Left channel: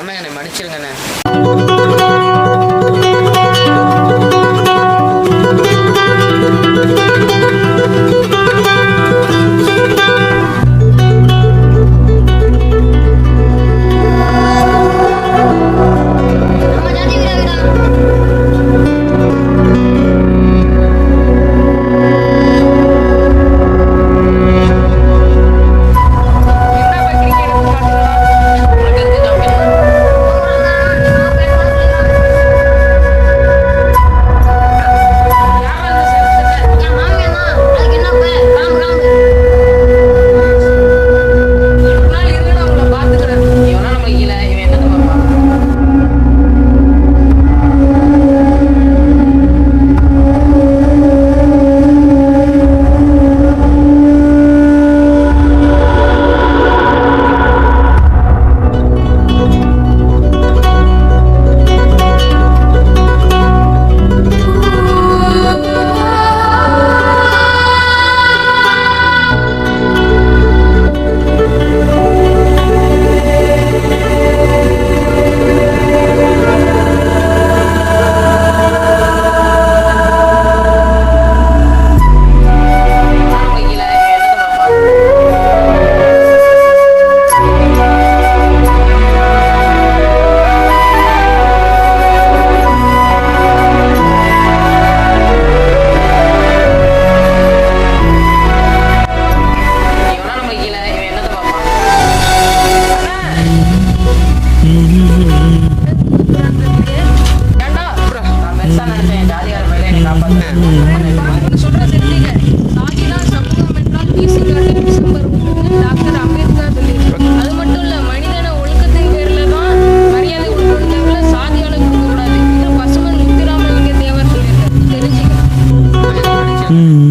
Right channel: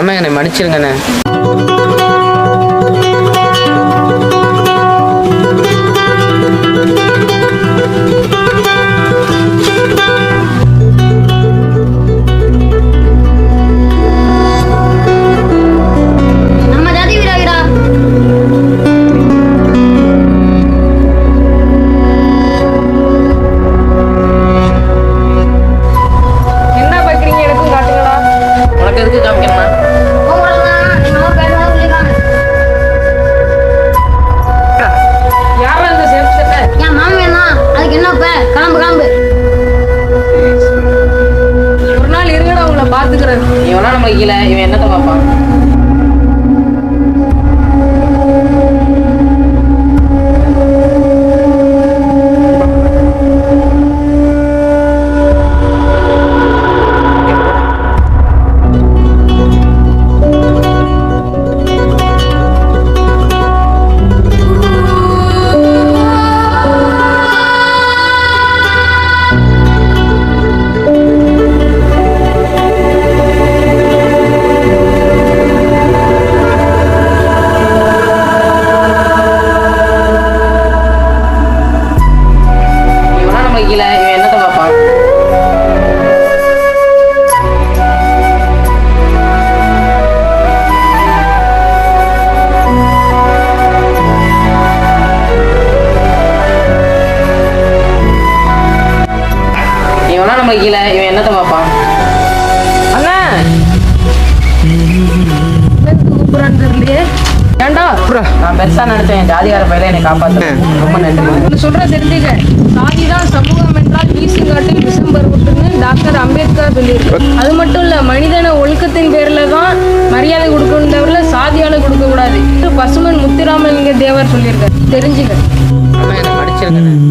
அண்ணா என்னை மன்னிச்சிருங்கண்ணே. நான் பெருசா நினைச்சேன் ஜாதிகார பையில என்னை காப்பாத்துறேன். ரொம்ப நன்றி. சொல்ற தெரிஞ்சுக்க, சாதிதான் சமூகம் என்றால் வீசுங்காட்டில் விஷம் பருவத்துன்னு டாக்டர் அம்பேத்கர் சொல்லியிருக்காரு. அது மட்டும் இல்ல, மனிதன ஒழுக்கத்தின் பேர்ல தான் மரியாதை கொடுக்கணும் தவிர சாதியால கொடுக்க கூடாது. பசுமன் முத்துராமலிங்க தேவர் சொல்லியிருக்காரு. தெரிஞ்சுக்க. அண்ணா என்னை மன்னிச்சிருங்க.